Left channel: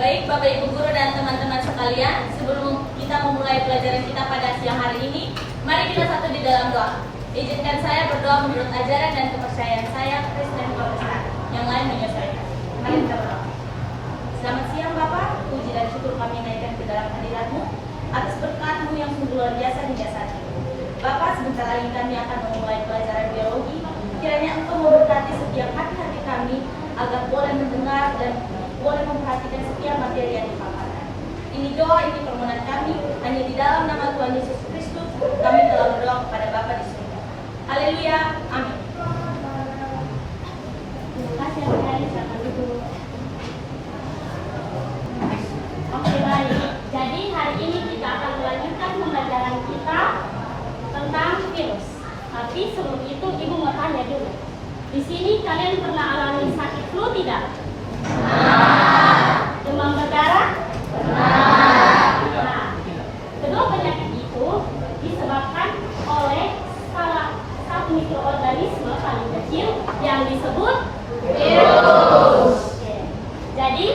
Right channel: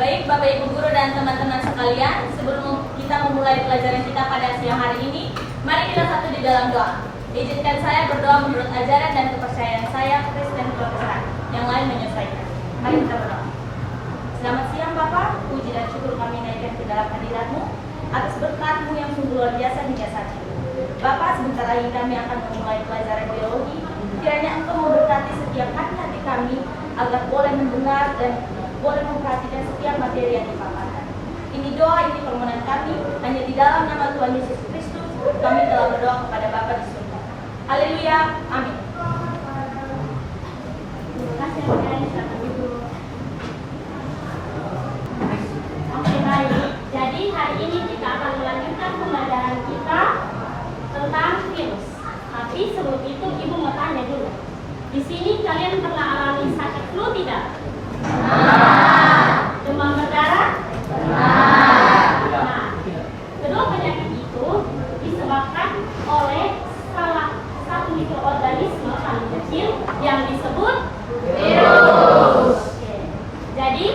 Baik Bapak Ibu Guru dan teman-teman sekalian, sebelum kita memulai pelajaran kita pada siang hari ini, mari kita satu di dalam doa. Izinkan saya berdoa menurut ajaran dan kepercayaan saya, Kristen Protestan. Yang lain menyesuaikan. Mari kita berdoa. Selamat siang Bapak, puji dan syukur kami naikkan ke dalam hadirat-Mu atas berkat-Mu yang sungguh luar biasa hingga saat ini. Bapak, sebentar lagi kami akan memulai pelajaran biologi. Kiranya Engkau memberkati setiap hati-hati kami agar boleh mendengar dan boleh memperhatikan setiap materi yang dipaparkan. Ini doa, ini permohonan kami, hanya di dalam nama Tuhan Yesus Kristus kami telah berdoa kepada Bapa di surga. Haleluya, amin. Oke, baik. Jadi hari ini kita akan melanjutkan pembelajaran kita tentang virus. Tapi sebelum itu Ibu mau tanya dulu. Di sini kalian pernah alami sakit flu tidak? Demam berdarah? Nah, kedua penyakit itu disebabkan oleh salah satu mikroorganisme paling kecil yang disebut virus. Oke. Jadi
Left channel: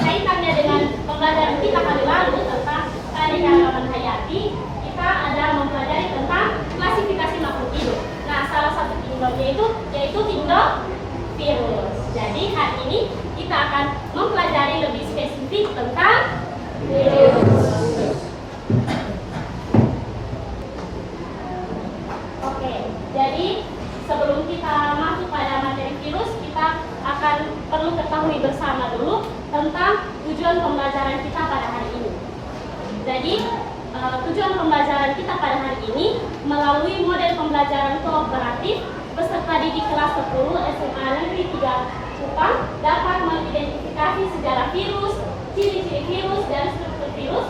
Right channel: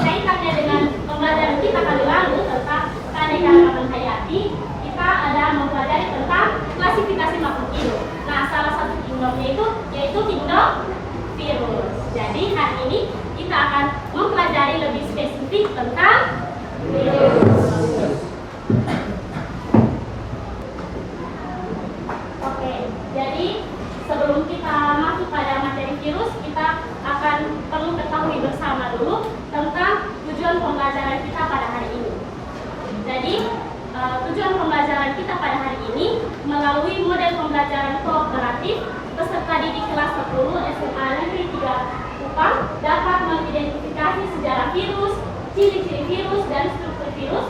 kaitannya dengan pembelajaran kita kali lalu tentang keanekaragaman hayati, kita ada mempelajari tentang klasifikasi makhluk hidup. Nah, salah satu kingdomnya itu yaitu kingdom virus. Jadi hari ini kita akan mempelajari lebih spesifik tentang virus. Oke, jadi sebelum kita masuk pada materi virus, kita akan perlu ketahui bersama dulu tentang tujuan pembelajaran kita pada hari ini. Jadi tujuan pembelajaran kita pada hari ini melalui model pembelajaran kooperatif peserta didik kelas 10 SMA Negeri 3 Kupang dapat mengidentifikasi sejarah virus, ciri-ciri virus dan struktur virus,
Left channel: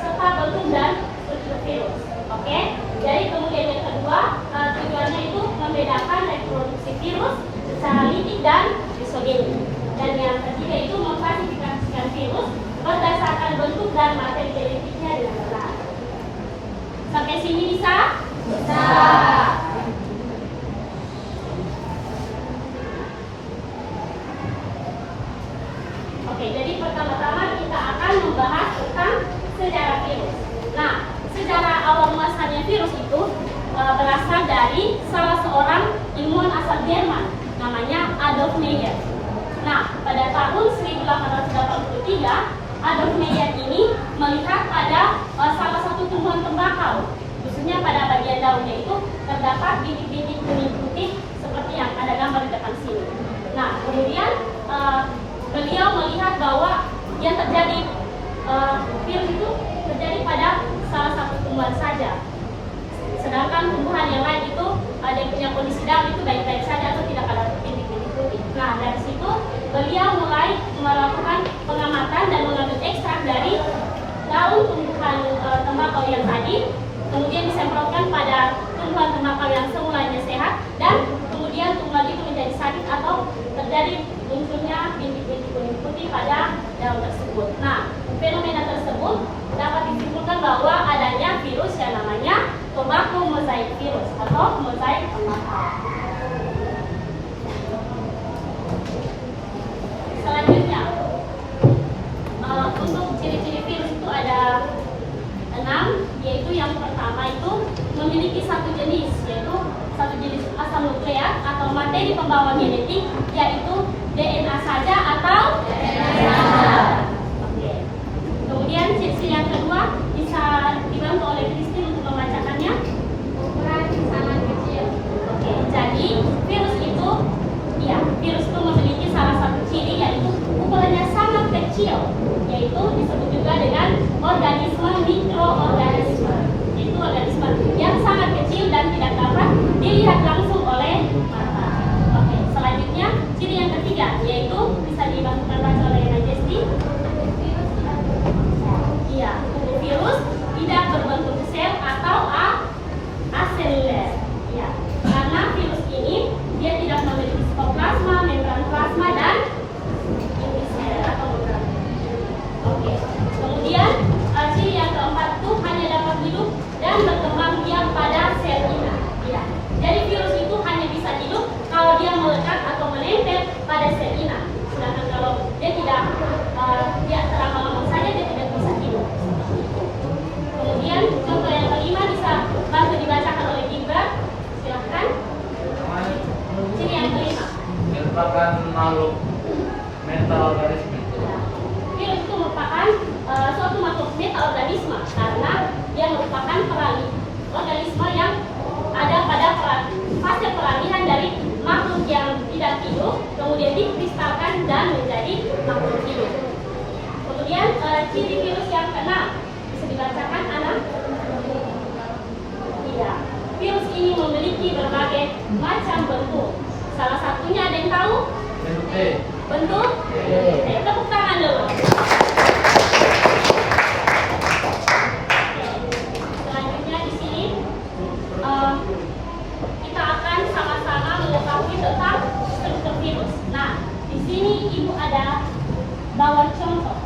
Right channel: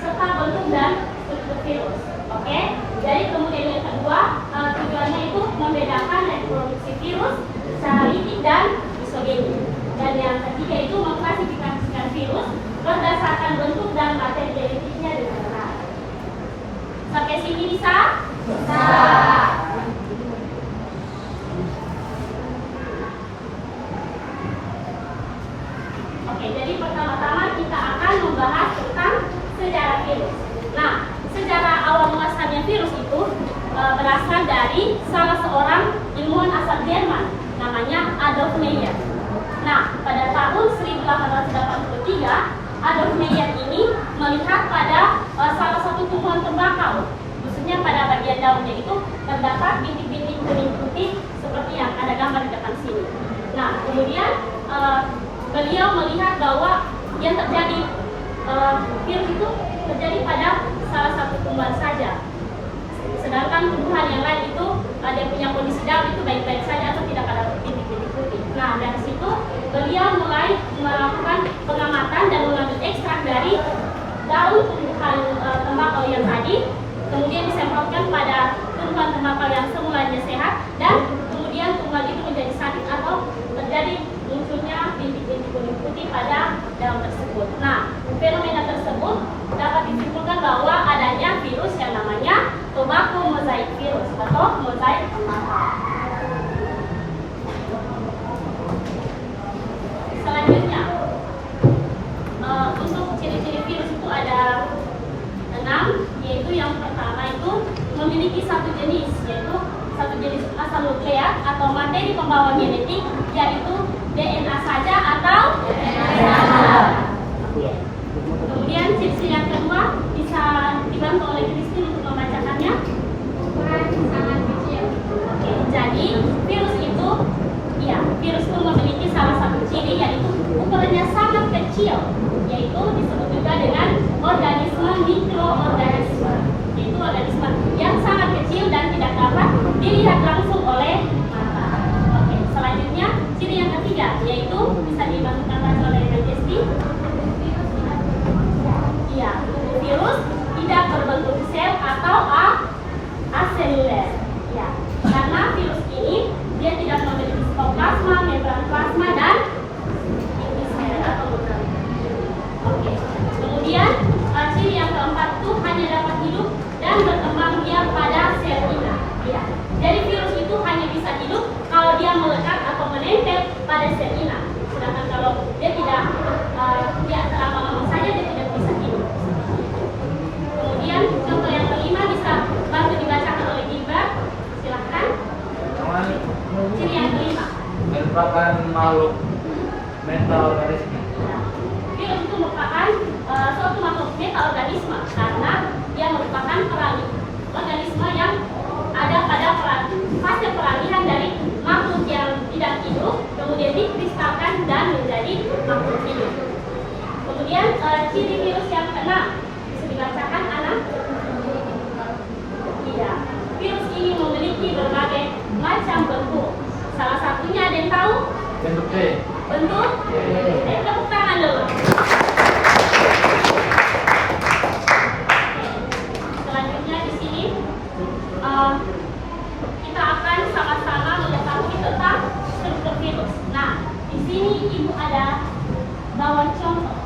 serta bentuk dan struktur virus. Oke, jadi kemudian yang kedua tujuannya itu membedakan reproduksi virus secara lidik dan isogenik. Dan yang ketiga itu mengklasifikasikan virus berdasarkan bentuk dan materi genetiknya dengan benar. Sampai sini bisa? Bisa. Oke, jadi pertama-tama kita akan membahas tentang sejarah virus. Nah, sejarah awal muasalnya virus itu berasal dari salah seorang ilmuwan asal Jerman, namanya Adolf Meyer. Nah, pada tahun 1883, Adolf Meyer ini melihat pada salah satu tumbuhan tembakau, khususnya pada bagian daunnya itu terdapat bintik-bintik kuning putih seperti yang ada gambar di depan sini. Nah, kemudian beliau melihat bahwa yang terjadi virus itu terjadi pada salah satu tumbuhan saja, sedangkan tumbuhan yang lain itu dia punya kondisi daun itu baik-baik saja atau tidak ada bintik-bintik putih. Nah, dari situ beliau mulai melakukan pengamatan dan mengambil ekstrak dari daun tumbuhan tembakau yang tadi, kemudian disemprotkan pada tumbuhan tembakau yang semulanya sehat, dan kemudian tumbuhan itu menjadi sakit atau terjadi munculnya bintik-bintik kuning putih pada daun tersebut. Nah, fenomena tersebut dapat disimpulkan bahwa adanya virus yang namanya tobacco mosaic virus atau mozaik tembakau. Selanjutnya, untuk ciri-ciri virus itu ada 6, yaitu yang pertama itu memiliki satu jenis, yaitu satu jenis asal nukleat atau materi pembawa genetik, yaitu DNA saja atau DNA. Oke. Kemudian ciri yang kedua bisa dibantu oleh Christine untuk membacakannya. Ukuran sangat kecil. Oke. Jadi virus itu memiliki salah satu ciri, yaitu ukurannya sangat kecil, yaitu disebut juga dengan organisme mikroorganisme, yaitu organisme yang sangat kecil dan tidak dapat dilihat langsung oleh mata. Oke, selanjutnya ciri yang ketiga, yaitu bisa dibantukan baca oleh Majesty. Iya, virus tidak berbentuk sel atau aseluler. Ya, karena virus ini dia tidak memiliki sitoplasma, membran plasma dan endosel atau membran. Oke. Kemudian ciri yang keempat itu hanya dapat hidup dan berkembang biak pada sel inang. Ya. Jadi virus itu hanya bisa hidup kalau dia melekat atau menempel pada sel inang. Sedangkan kalau dia tidak merupakan makhluk metaorganisme. Virus itu merupakan suatu makhluk metaorganisme karena dia merupakan organisme yang ada pada fase peralihan dari makhluk yang tidak hidup kemudian dikristalkan dan menjadi makhluk hidup. Kemudian ciri virus yang keenam bisa dibacakan anak. Iya, virus ini memiliki berbagai macam bentuk. Salah satunya ada yang tahu? Bentuk T. Bentuk? Tepuk tangan dulu. Selanjutnya di sini kita akan sama-sama mengetahui tentang struktur virus. Nah, di sini ibu ada bawa contoh.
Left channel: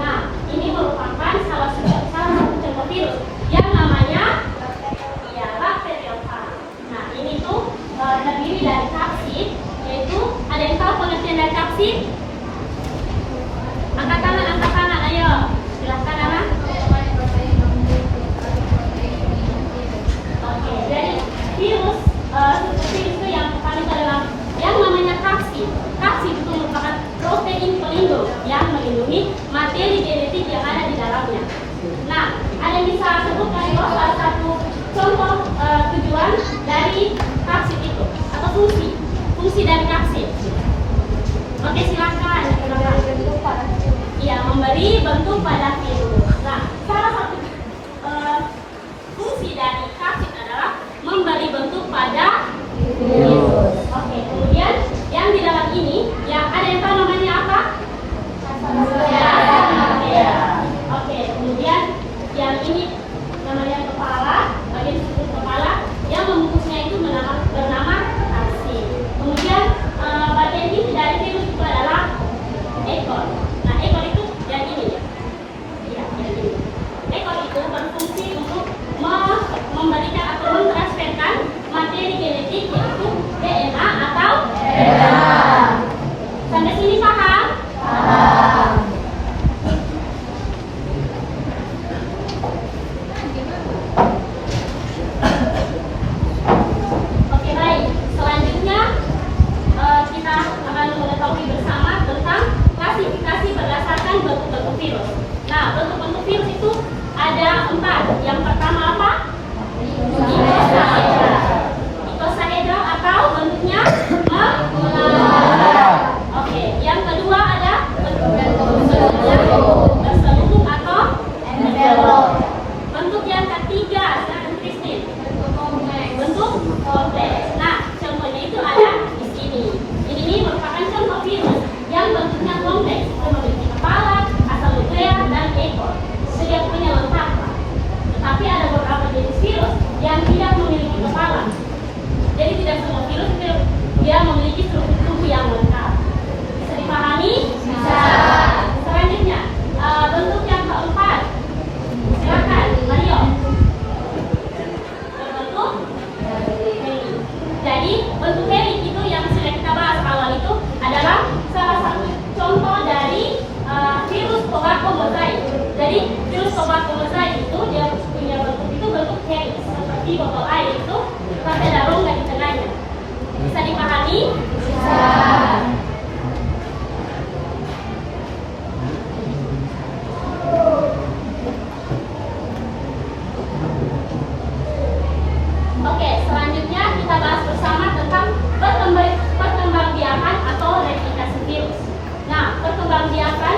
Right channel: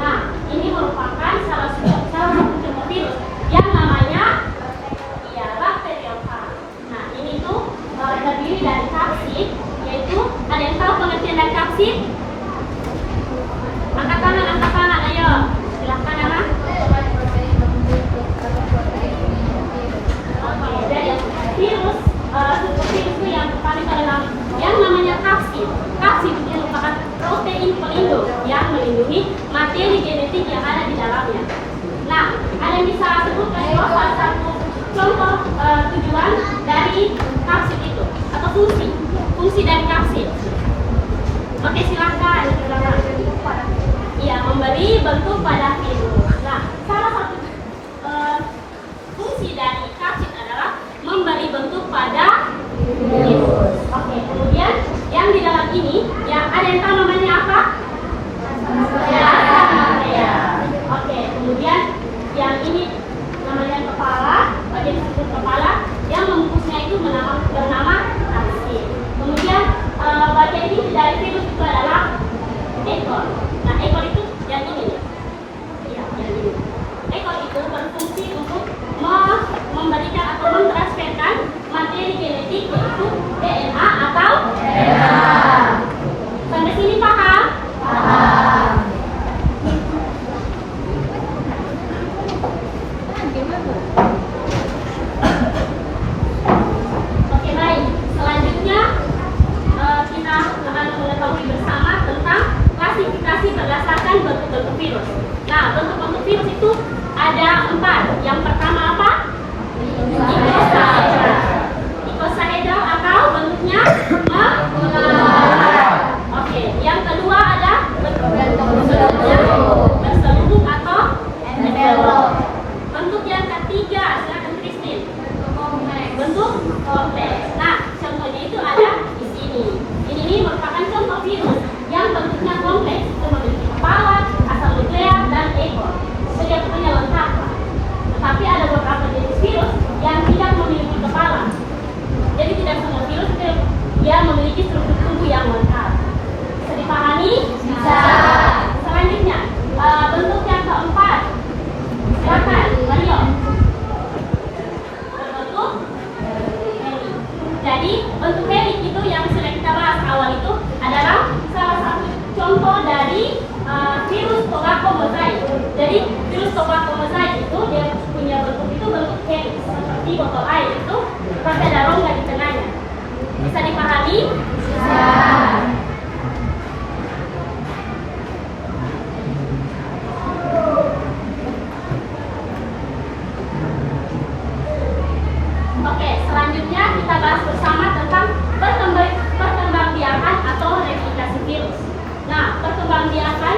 Nah, ini merupakan salah satu contoh virus yang namanya bakteriofag. Nah, ini tuh terdiri dari kapsid, yaitu ada yang tahu pengertian dari kapsid? Angkat tangan, ayo. Silahkan anak. Oke, jadi virus seperti itu yang terpaling adalah yang namanya kapsid. Kapsid itu merupakan protein pelindung yang melindungi materi genetik yang ada di dalamnya. Nah, ada yang bisa sebutkan salah satu contoh tujuan dari kapsid itu atau fungsi dari kapsid. Oke, silakan. Iya, memberi bentuk pada virus. Nah, salah satu fungsi dari kapsid adalah memberi bentuk pada virus. Oke, kemudian yang di dalam ini, yang ada yang tahu namanya apa? Ya. Oke, kemudian yang ini namanya kepala, bagian struktur kepala, yang membungkusnya itu bernama kapsid. Kemudian bagian ini dari virus itu adalah ekor. Nah, ekor itu yang ini. Iya, yang ini. Ekor itu berfungsi untuk memberikan atau mentransferkan materi genetik yaitu DNA atau RNA. Sampai sini paham? Paham. Oke, baik. Selanjutnya kita akan mengetahui bersama tentang klasifikasi berdasarkan bentuk-bentuk virus. Nah, bentuk-bentuk virus itu ada 4. Yang pertama apa? Icosahedral. Icosahedral atau bentuknya Oke, yang kedua ada bentuknya berselubung atau envelop. Bentuk yang ketiga, silakan Christine. Bentuk kompleks. Nah, contohnya itu ada di sini. Ini merupakan contoh virus yang bentuknya kompleks, itu memiliki kepala, asal nukleat, dan ekor. Sejak punya lengkap. Tetapi ada beberapa jenis virus yang tidak memiliki kepala. Jadi tidak semua virus dia memiliki struktur tubuh yang lengkap. Bisa dipahami? Bisa. Selanjutnya, bentuk yang keempat. Silakan, Mario. Berbentuk heli. Jadi bentuk heli itu yang sudah kita bahas awal itu adalah salah satu contoh dari virus tobacco mosaic. Jadi virus tobacco mosaic itu dia punya bentuk itu bentuk heli seperti botol air itu, tapi ada rongga di tengahnya. Bisa dipahami? Bisa. Oke, selanjutnya kita bahas bersama tentang perkembangbiakan atau replikasi virus. Nah, perkembangbiakan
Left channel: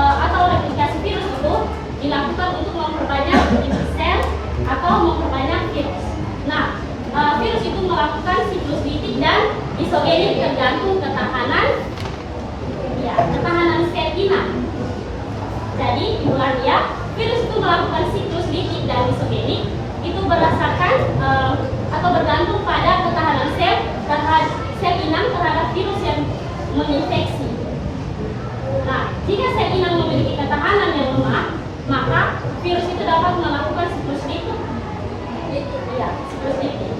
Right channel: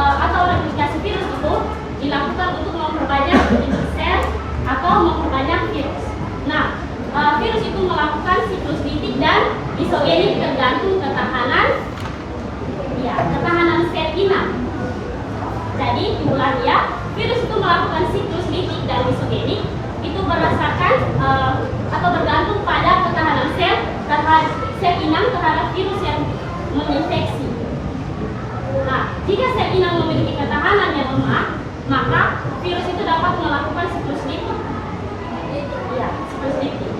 atau replikasi virus itu dilakukan untuk memperbanyak jenis sel atau memperbanyak virus. Nah, virus itu melakukan siklus litik dan isogenik tergantung ketahanan sel inang. Jadi, diulangi ya, virus itu melakukan siklus litik dan isogenik itu berdasarkan atau bergantung pada ketahanan sel inang terhadap virus yang menginfeksi. Nah, jika sel inang memiliki ketahanan yang lemah, maka virus itu dapat melakukan siklus litik. Iya, siklus litik.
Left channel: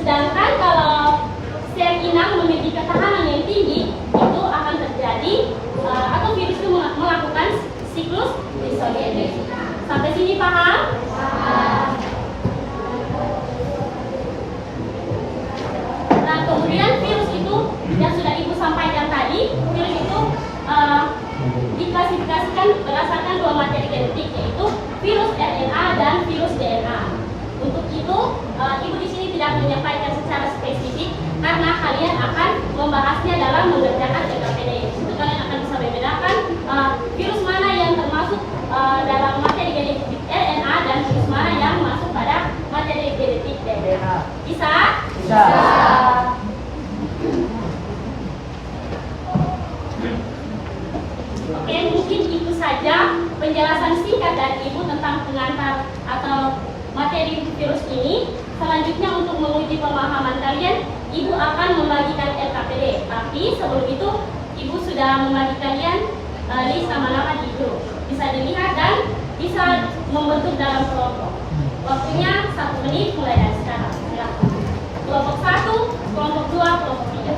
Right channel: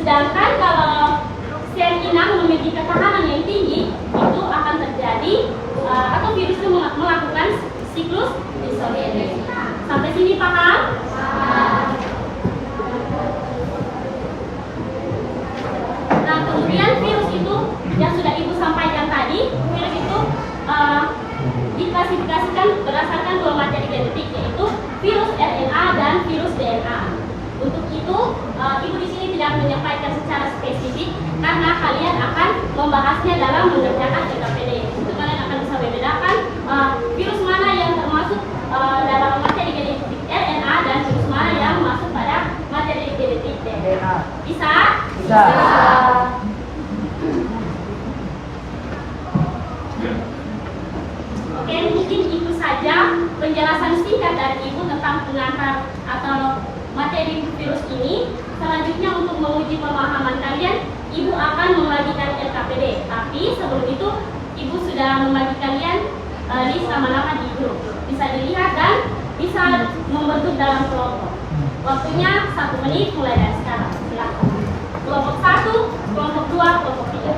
Sedangkan kalau sel inang memiliki ketahanan yang tinggi, itu akan terjadi atau virus itu melakukan virus disorder. Sampai sini paham? Nah, kemudian virus itu yang sudah Ibu sampaikan tadi, virus itu diklasifikasikan berdasarkan dua materi genetik, yaitu virus RNA dan virus DNA. Untuk itu, Ibu di sini tidak menyampaikan secara spesifik karena kalian akan membahasnya dalam mengerjakan LKPD. Itu kalian akan bisa membedakan virus mana yang termasuk dalam materi genetik RNA dan virus mana yang masuk pada materi genetik DNA. Bisa? Bisa. Oke, mungkin itu saja penjelasan singkat dari Ibu tentang pengantar atau materi virus ini. Selanjutnya untuk menguji pemahaman kalian, Ibu akan membagikan LKPD. Tapi sebelum itu, Ibu sudah membagi kalian list nama-nama di grup. Bisa dilihat dan bisa membentuk dalam kelompok. Waktunya 1 menit mulai dari sekarang. Silakan. Kelompok 1, kelompok 2, kelompok 3.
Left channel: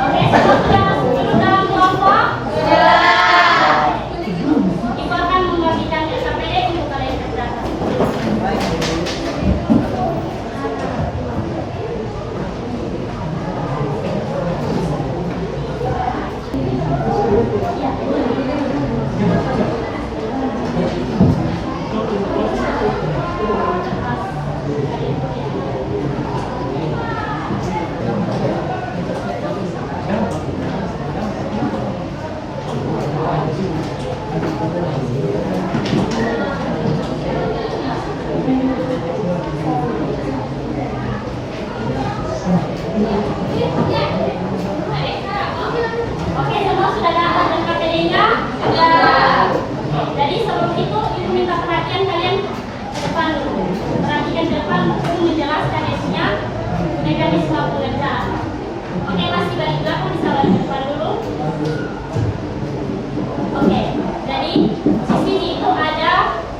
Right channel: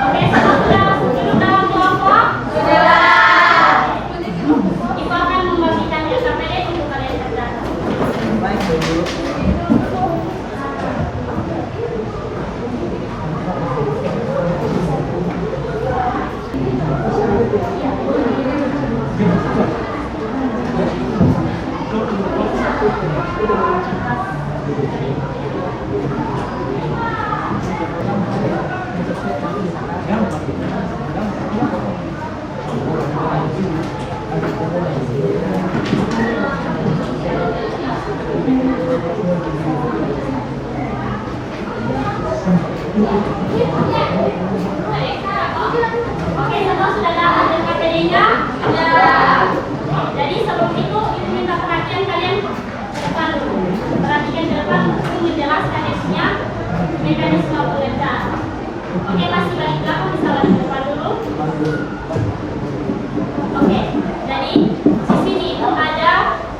Oke, sudah masuk dulu dalam kelompok? Sudah. Ibu akan membagikan LKPD untuk kalian kerjakan. Oke, semua sudah dapat LKPD-nya? Sudah. Jadi sebelum itu, Ibu minta perhatian kalian ke depan dulu. Perhatikan ke depan untuk menjelaskan isinya, mekanisme pengerjaan. Oke, masih balik belakang, bisa balik ke depan dulu. Oke, jadi di sini itu ada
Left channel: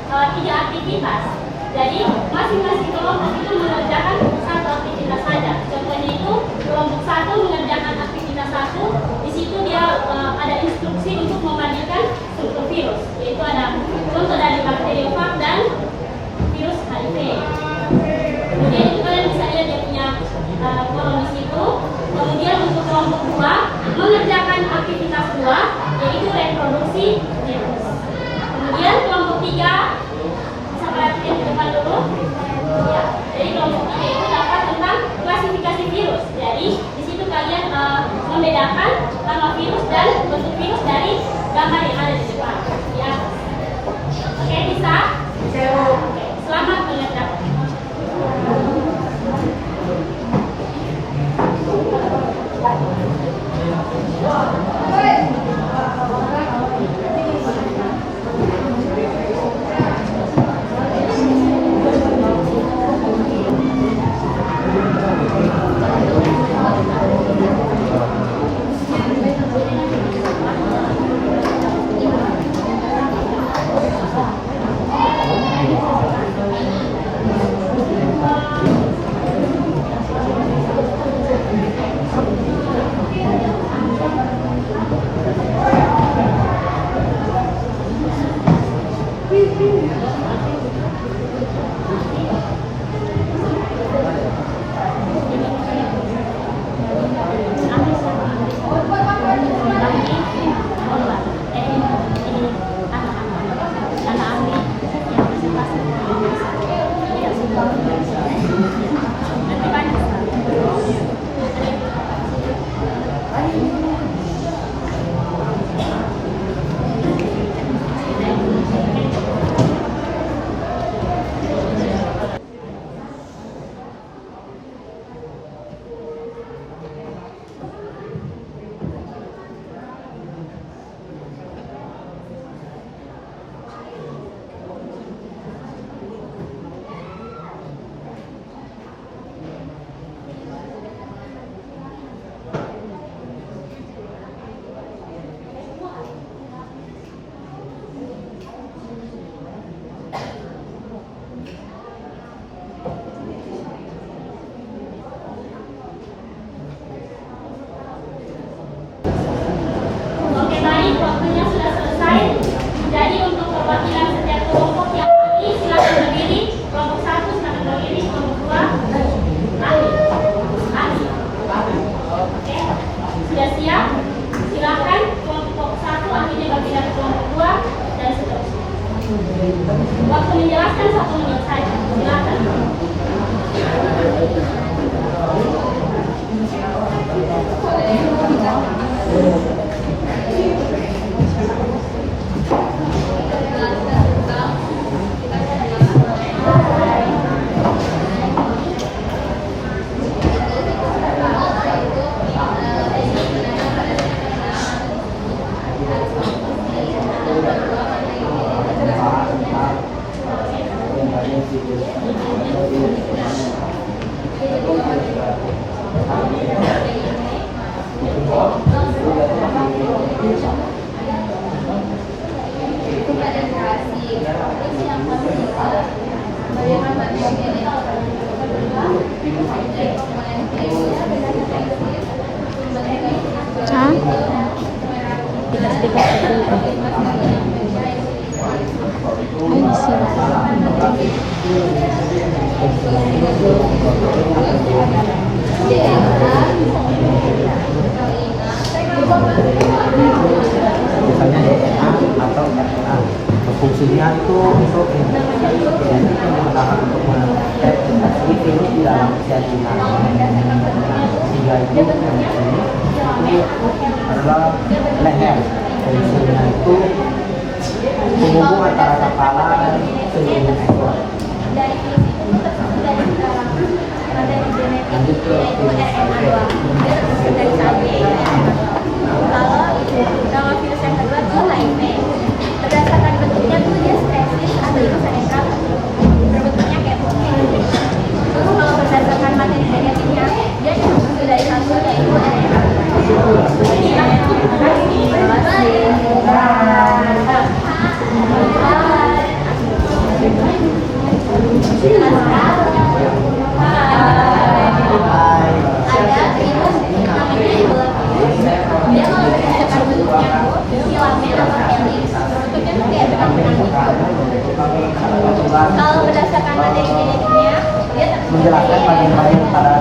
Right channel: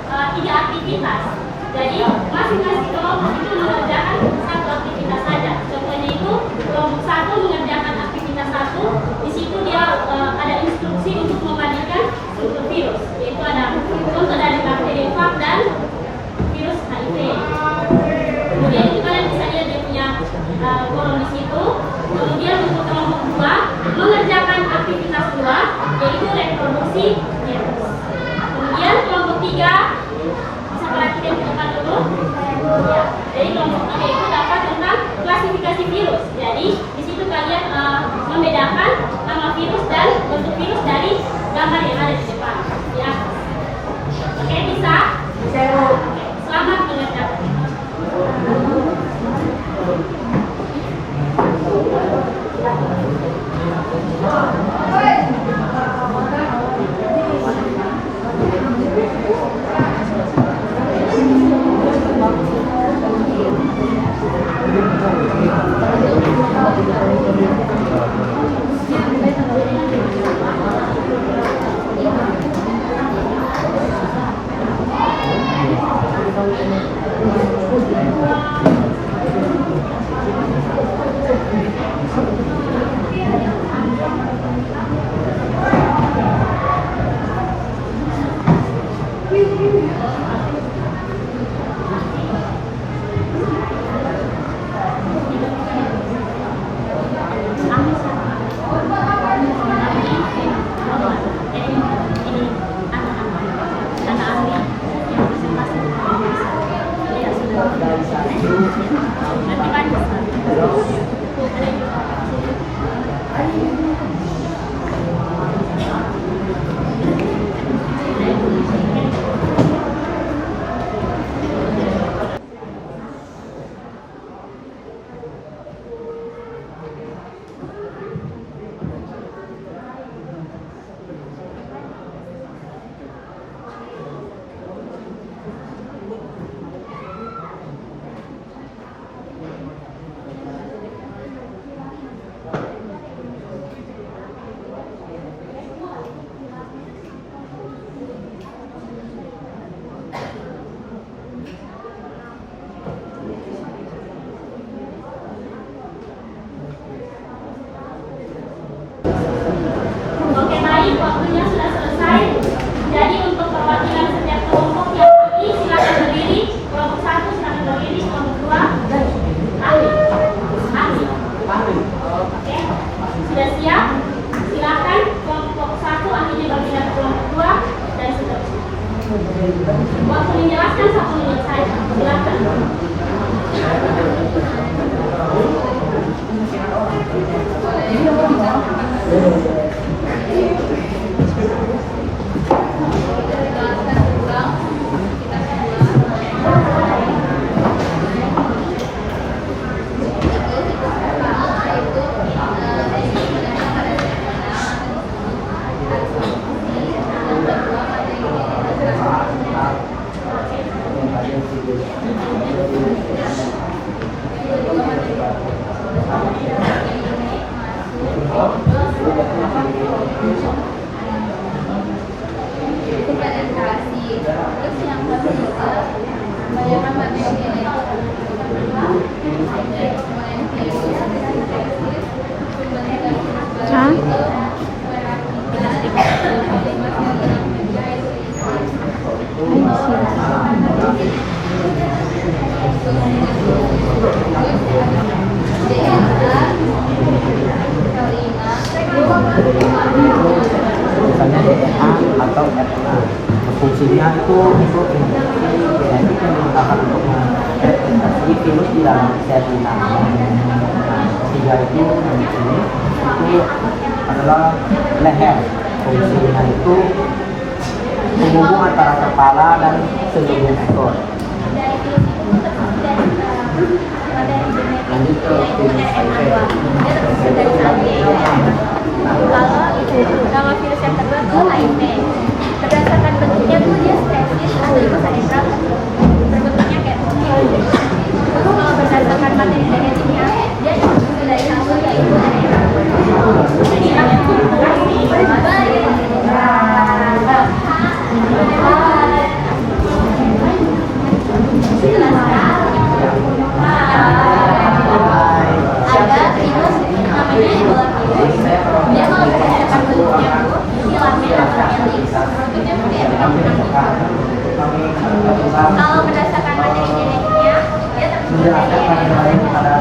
3 aktivitas. Jadi masing-masing kelompok itu mengerjakan satu aktivitas saja. Contohnya itu kelompok 1 mengerjakan aktivitas 1. Di situ dia ada instruksi untuk memandikan struktur virus, yaitu ada contoh dari bakteriofag dan virus HIV. Kemudian itu kalian bisa lihat dia punya kolom di situ. Kemudian untuk kelompok 2 mengerjakan aktivitas 2, yaitu reproduksi virus. Kemudian kelompok 3 bisa perhatikan ke depan dulu. Ya, jadi kelompok 3 itu dapat tentang klasifikasi virus. Jadi di situ kalian membedakan nama virus dan bentuk virus dari gambar yang ada di depan di atas. Oke, bisa? Bisa. Oke, selamat mengerjakan. sudah siap, silakan kelompok 1 artinya berpindah ke kelompok 2 dan seterusnya. Waktu menjelaskan 1 menit saja. Silakan. Itu penetrasi. Terus yang ketiga, bagaimana materi ini dari komponen virus, Hah? I misalnya DNA atau RNA. Fungsinya itu untuk mendeteksi genetik yang digunakan untuk mereplikasi virus di dalam sel inang. Nah, ketiga itu adalah leher. Fungsinya itu penghubung antara kepala dan seluruh ekor. dari virus itu terdiri dari genetiknya itu RNA doang. Dia terpisah dari satu yaitu RNA doang. Kalau virus yang kedua tuh HIV. Berdasarkan bentuknya tuh dia stresis atau ikosaedral, berbentuknya kayak putih. Terus kalau berdasarkan materi genetiknya dia terdiri dari satu yaitu RNA. Ada virus namanya Ebola virus. Dia kalau berdasarkan bentuknya tuh filamen atau helix. Kalau berdasarkan materi genetiknya dia Menjelaskan bagaimana pada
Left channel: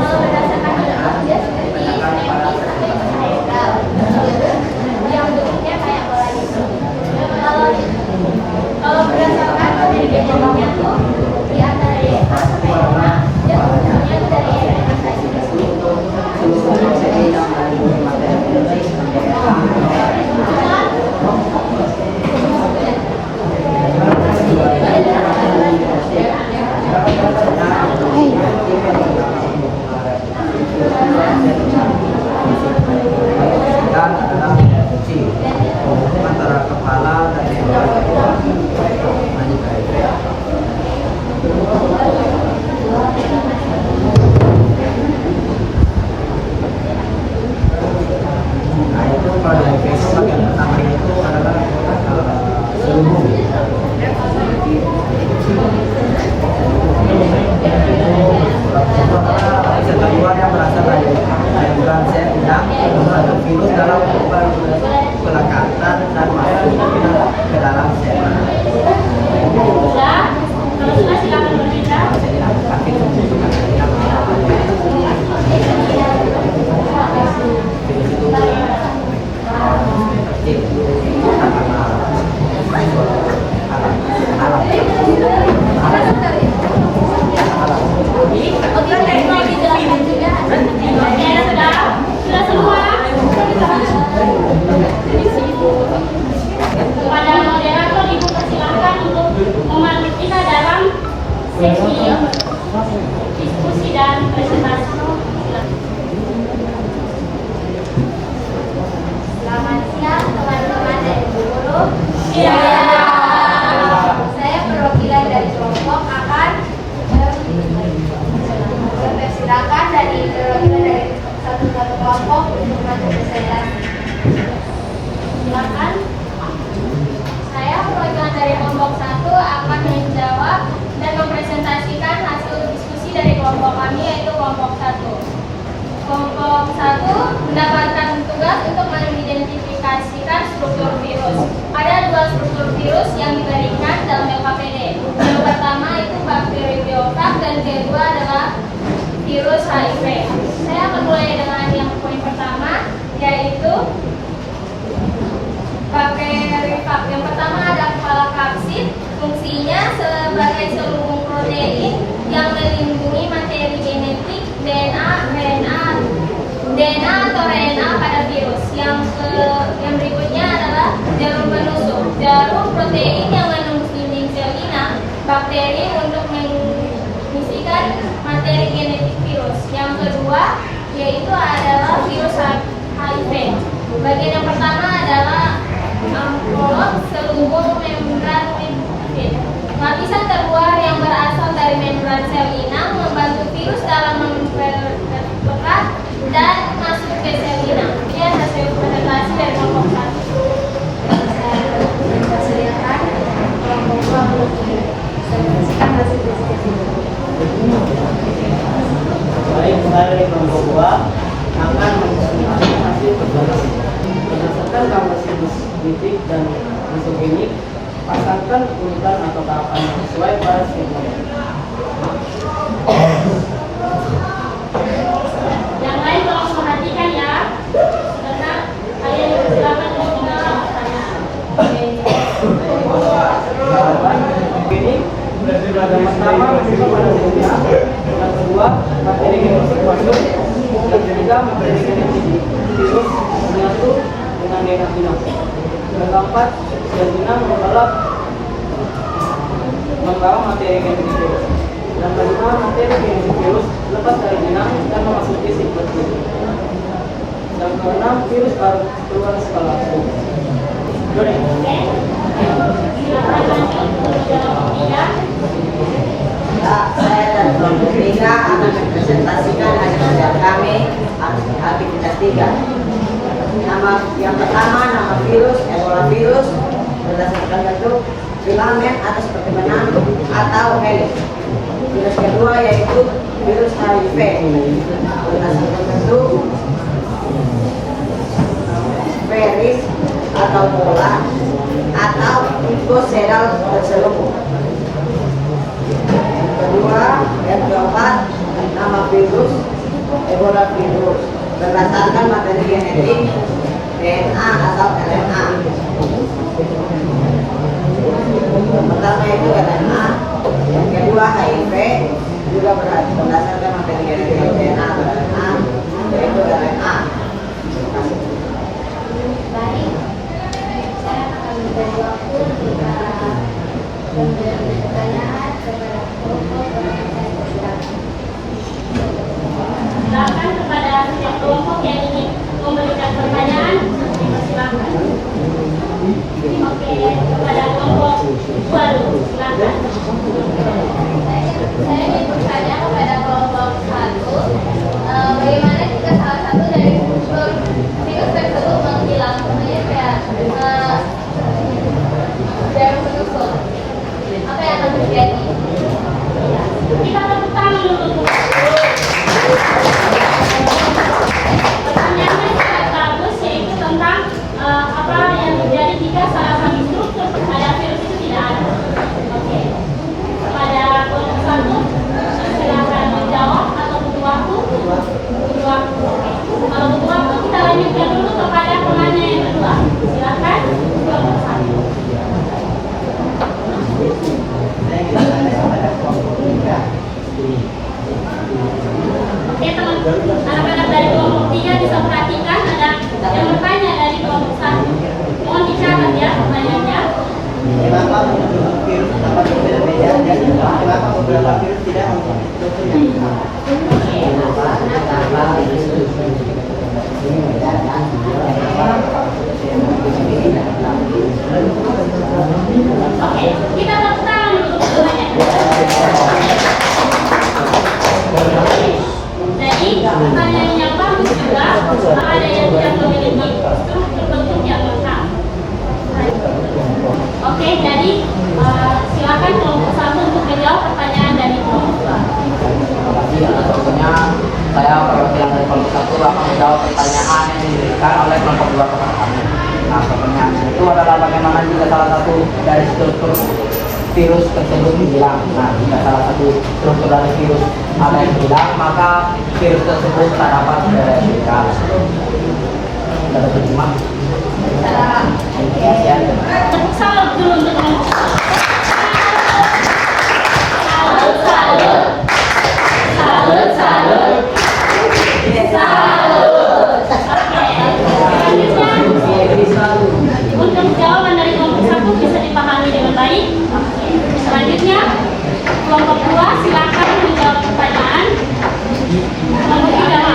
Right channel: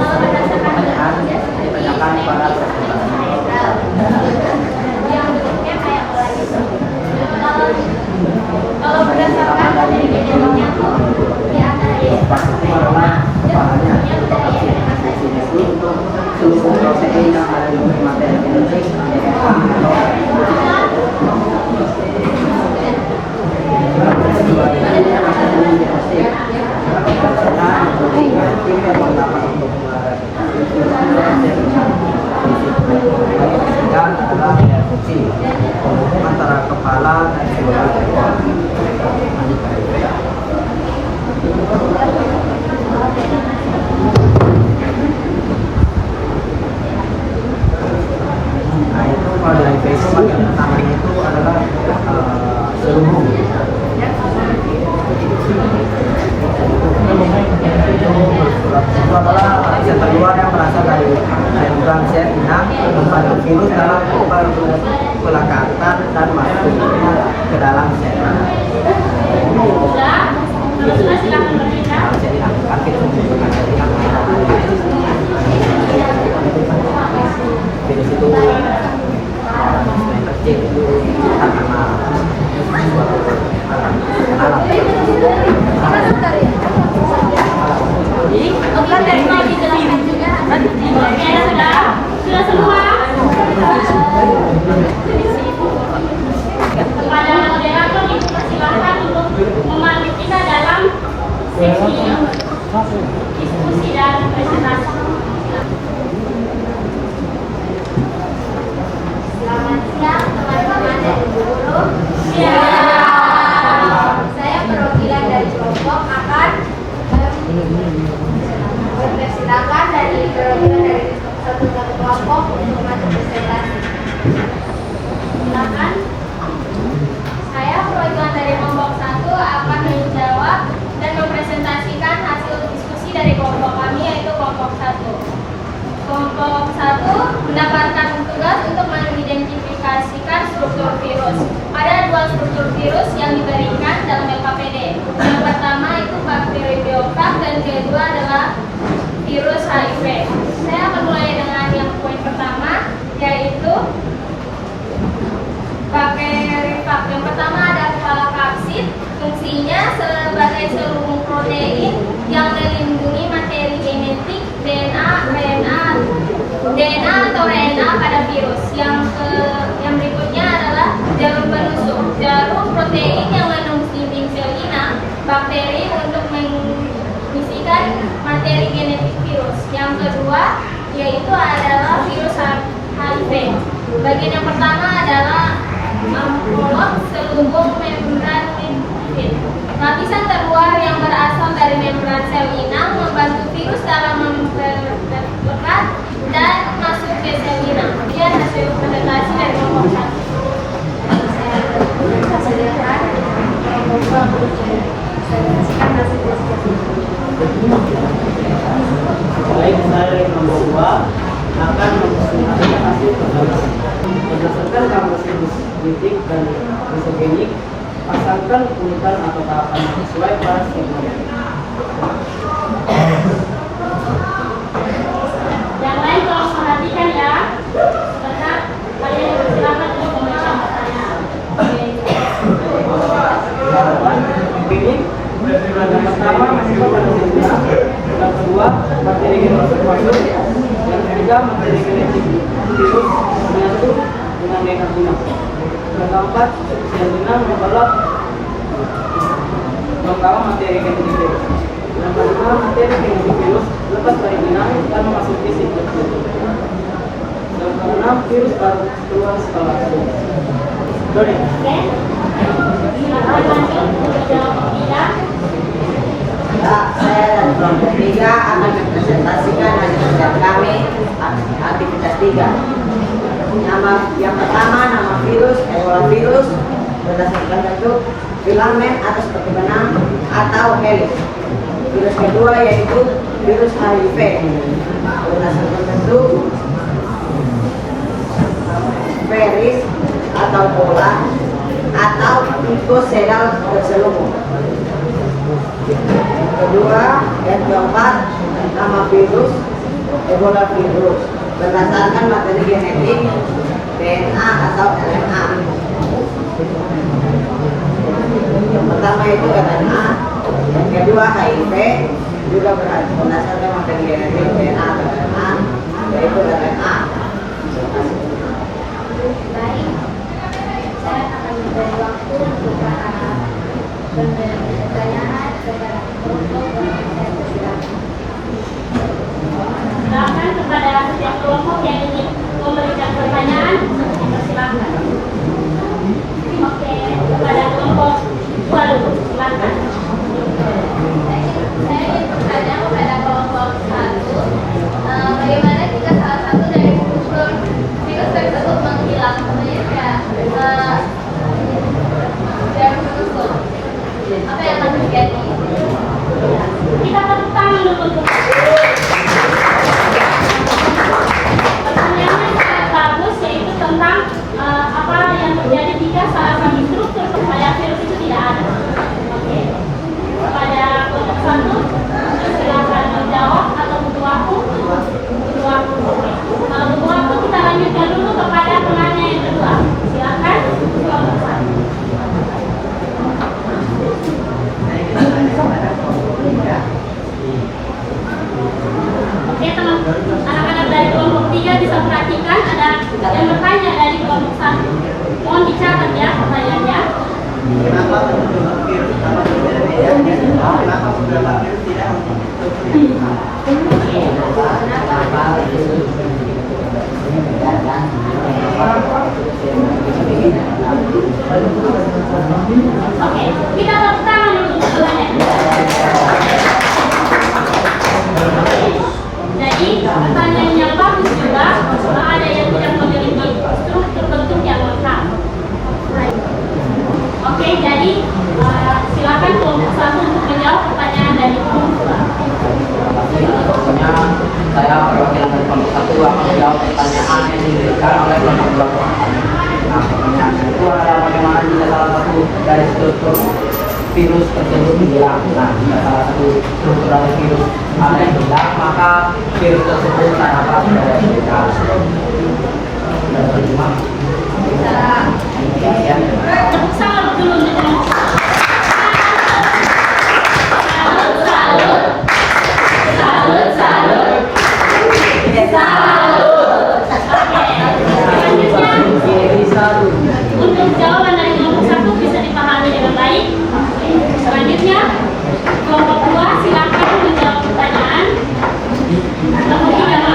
kalau berdasarkan bentuknya seperti yang bentuknya kayak bola gitu. Kalau berdasarkan materi genetiknya tuh di antara DNA sperma dia bentuknya dari RNA saja. dan adalah fungsi antara kepala dan seluruh ekor. Nah itu kalau di HIV itu bagian pertama itu adalah seluruh. Itu adalah lapisan kedua yang berasal dari membrana sel inang membantu virus dalam pelekatan dan masuknya ke dalam sel. Sudah, silakan berpindah. Sel inang, kaki membutuhkan sel inang. Virus itu tercip karena kenalan. Oke, sudah semua. Kepada moderator Ibu persilakan untuk memandu kita dalam sesi diskusi dan presentasi. kedua yaitu adalah virus HIV. Bagian yang pertama adalah amplop selubung membran lipid. Lapisan terluar yang berasal dari membran sel inang membantu virus dalam memperlekat dan masuk ke sel inang. Kemudian hasil presentasi dari kelompok 1. Baik, saya dari kelompok 2 akan mempresentasikan hasil presentasi. Berdasarkan gambar siklus litik dan isogenik, pasangkan urutan atau tahapan yang sesuai pada skema. Yang lain tolong perhatikan ya. Sebentar, kalian dipersilakan untuk memberikan pertanyaan. Tahapan ini yang pertama masuk pada skema, yang kedua materi genetik masuk, yang ketiga materi genetik virus menyatu dengan DNA inang. Yang keempat, sel inang membawa materi genetik virus. Yang kelima, materi genetik virus lepas dari inang dan memasuki siklus litik. Yang keenam, virus baru keluar setelah itu. Doni. Oke. Silakan lanjut untuk kelompok 3. Ya, saya dan kelompok 3 akan mempresentasikan hasil kerja kami aktivitas 3. Yang pertama, nama virus, Ebola virus berdasarkan bentuk filamen atau seperti benang atau helix. Virus kedua yaitu virus HIV berdasarkan bentuk viris atau bola atau pikoseral terselubung. Yang keempat, nama virus Ebola virus berdasarkan materi genetik DNA atau RNA. Yang pertama itu RNA, yang kedua HIV juga berdasarkan materi genetik DNA atau RNA, yaitu RNA. Baik, saya akan memberi waktu jika memberi pertanyaan kepada kelompok yang saya persilakan. Silakan kepada setiap kelompok yang ingin memberikan pertanyaan, dipersilakan. Oke, kepada kelompok 2 dulu, silakan. Saya ingin bertanya kepada kelompok 1, bagaimana jika salah satu dari unsur virus tersebut menghilang, contohnya kayak tertutup, apa yang akan terjadi? Kita tepuk tangan untuk pertanyaannya sangat bagus, yaitu tentang apa yang terjadi jika salah satu struktur pada virus itu tidak ada. Oke, kepada kelompok 1 silakan menjawab atau butuh waktu. Butuh waktu. Oke, kalau butuh waktu kita lanjutkan dulu kepada penanya yang kedua. Silakan kelompok 1. Oke teman, anak-anak dari kelompok 3 bisa perhatikan ada yang bertanya dari kelompok 1. Mohon dicatat ya pertanyaannya. Oke, kita tepuk tangan dulu untuk pertanyaan. Jadi pertanyaan yang bagus juga, ada yang tidak memiliki struktur bentuk yang lengkap. Oke, jadi silakan kelompok 1 untuk menjawab pertanyaan dari kelompok 2. Tentunya saya perwakilan dari kelompok 1 akan menjawab pertanyaan yang diberikan oleh kelompok 2 kepada kami. Nah, pertanyaan itu adalah bagaimana jika salah satu dari struktur virus tersebut hilang. Nah, jika salah satu struktur dari virus ada yang hilang, maka virus tersebut tak dapat bereplika. Dan terjemah. Salam dulu untuk kelompok. Salut. Untuk jawaban dari kelompok 1 bisa dipahami dengan baik. Selanjutnya kelompok 2 silakan menjawab pertanyaan. Kelompok 3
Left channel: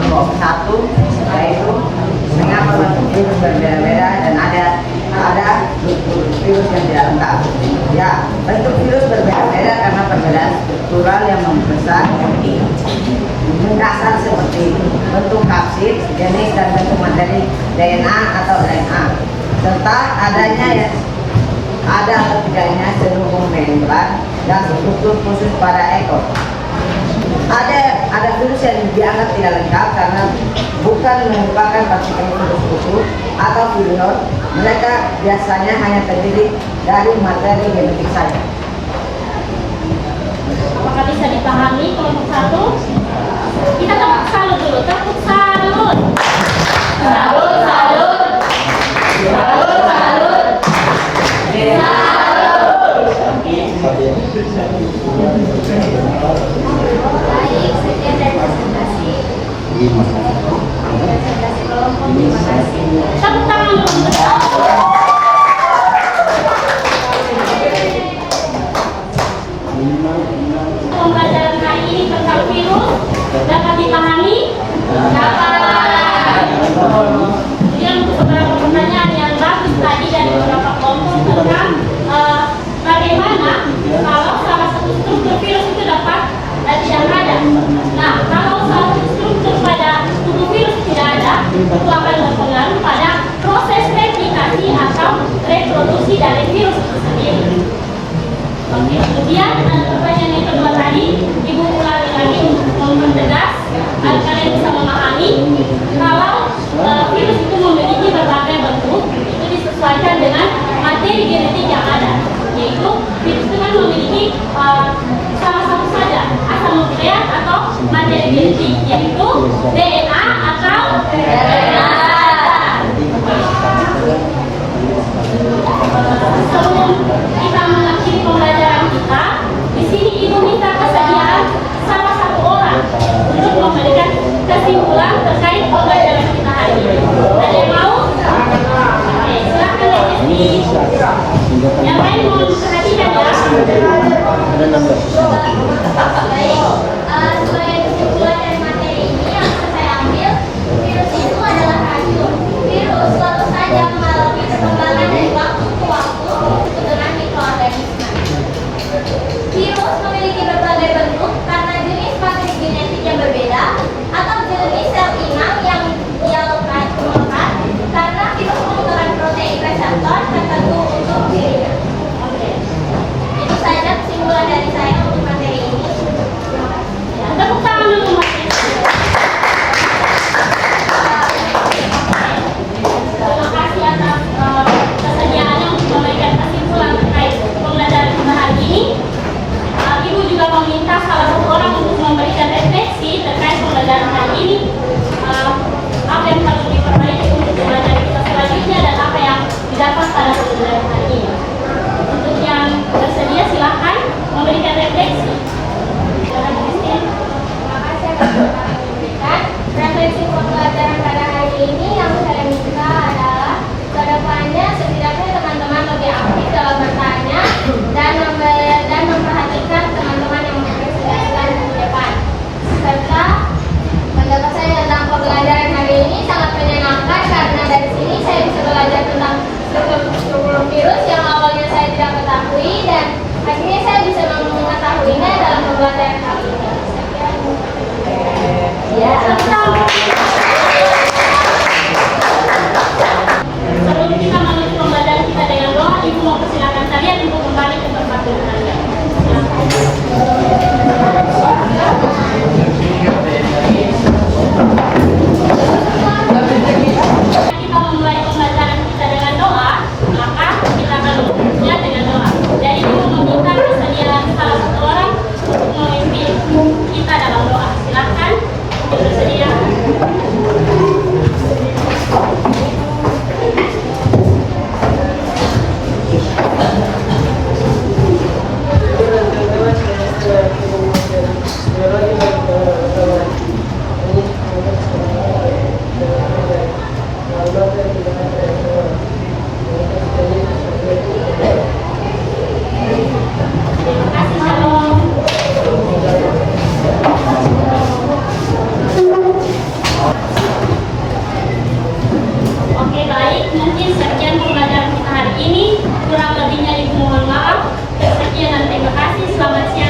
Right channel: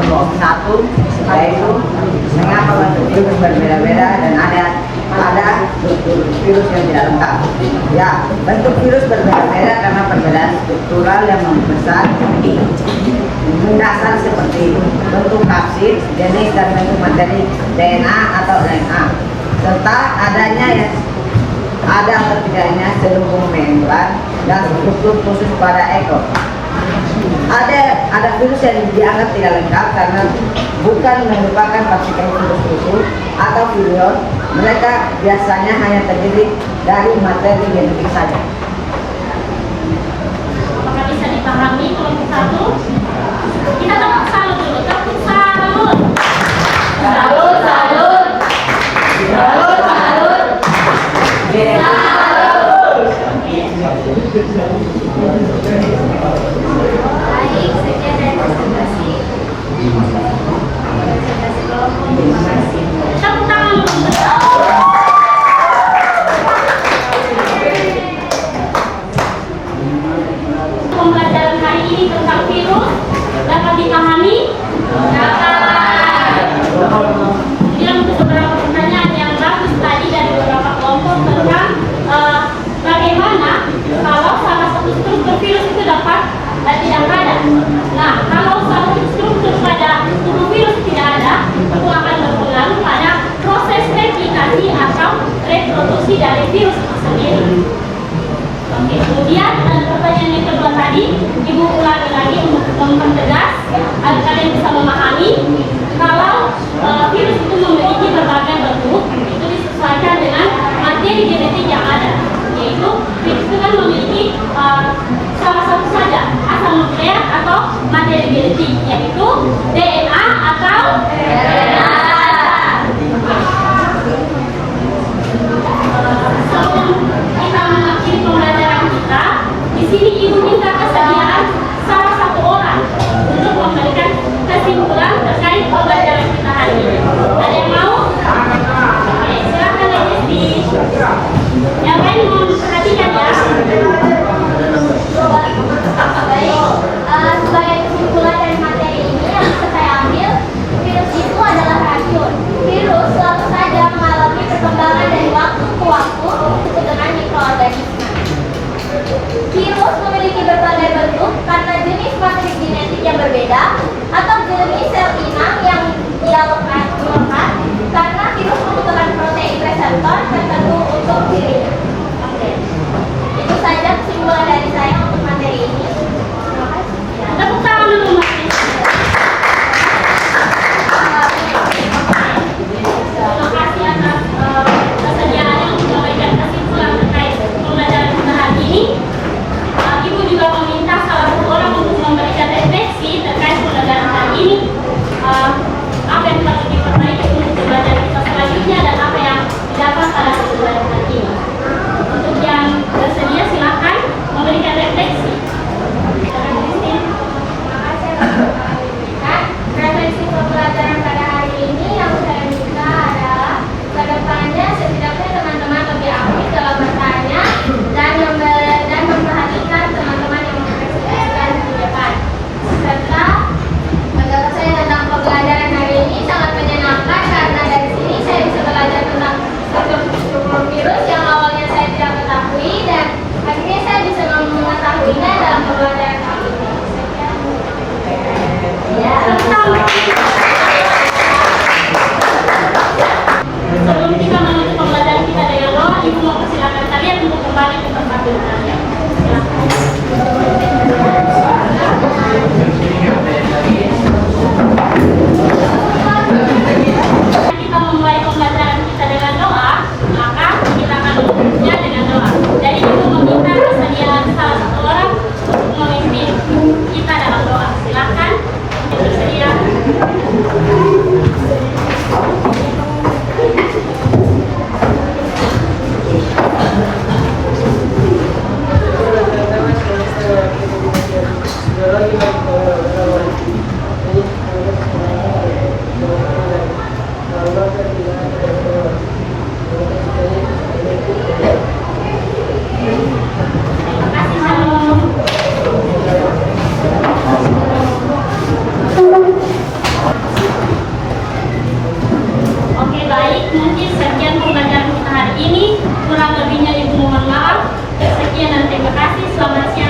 kelompok 1, yaitu mengapa bentuk virus berbeda-beda dan ada struktur virus yang tidak lengkap. Ya, bentuk virus berbeda-beda karena perbedaan struktural yang membesar mendasar seperti bentuk kapsid, jenis dan bentuk materi DNA atau RNA, serta ada atau tidaknya selubung membran dan struktur khusus pada ekor. Ada virus yang dianggap tidak lengkap karena bukan merupakan partikel virus khusus atau virion. Mereka biasanya hanya terdiri dari materi genetik saja. Apakah bisa dipahami kelompok 1? Kita tepuk salut dulu, tepuk salut. Salut, salut. Salut, salut. Baik, sekian dari presentasi kelompok. Terima kasih. Tepuk tangan dulu. Pembelajaran hari ini tentang virus dapat dipahami? Kemudian untuk beberapa pertanyaan yang bagus tadi dari beberapa kelompok tentang bagaimana kalau salah satu struktur virus itu dapat tidak ada. Nah, kalau salah satu struktur pada tubuh virus tidak ada, itu akan berpengaruh pada proses replikasi atau reproduksi dari virus itu sendiri. Oke, kemudian pertanyaan yang kedua tadi, Ibu ulangi lagi untuk mempertegas agar kalian bisa memahami kalau virus itu memiliki berbagai bentuk, itu disesuaikan dengan materi genetik yang ada, yaitu virus itu kan memiliki salah satu saja asal nukleat atau materi genetik, yaitu DNA atau RNA. Sebelum kita mengakhiri pembelajaran kita, di sini Ibu minta kesediaan salah satu orang untuk memberikan kesimpulan terkait pembelajaran kita hari ini. Ada yang mau? Oke, silakan Lady. Yang lain mau perhatikan ya. Baik, sebagai kesimpulan dari materi ini yang bisa saya ambil, virus itu adalah racun. Virus selalu saja mengalami perkembangan dari waktu ke waktu disebut dengan mikroorganisme. Virus memiliki berbagai bentuk karena jenis materi genetik yang berbeda atau jenis sel inang yang dia lekat karena virus membutuhkan protein reseptor tertentu untuk dirinya. Oke, itu saja kesimpulan dari saya untuk materi ini. Terima kasih. Tepuk tangan dulu, Mbak. Terima kasih atas kesediaannya untuk memberikan kesimpulan terkait pembelajaran kita hari ini. Ibu juga meminta salah satu orang untuk memberikan refleksi terkait pembelajaran hari ini. Apa yang perlu diperbaiki untuk pembelajaran kita selanjutnya dan apa yang didapat pada pembelajaran hari ini. Untuk yang bersedia silahkan memberikan refleksi. Selamat siang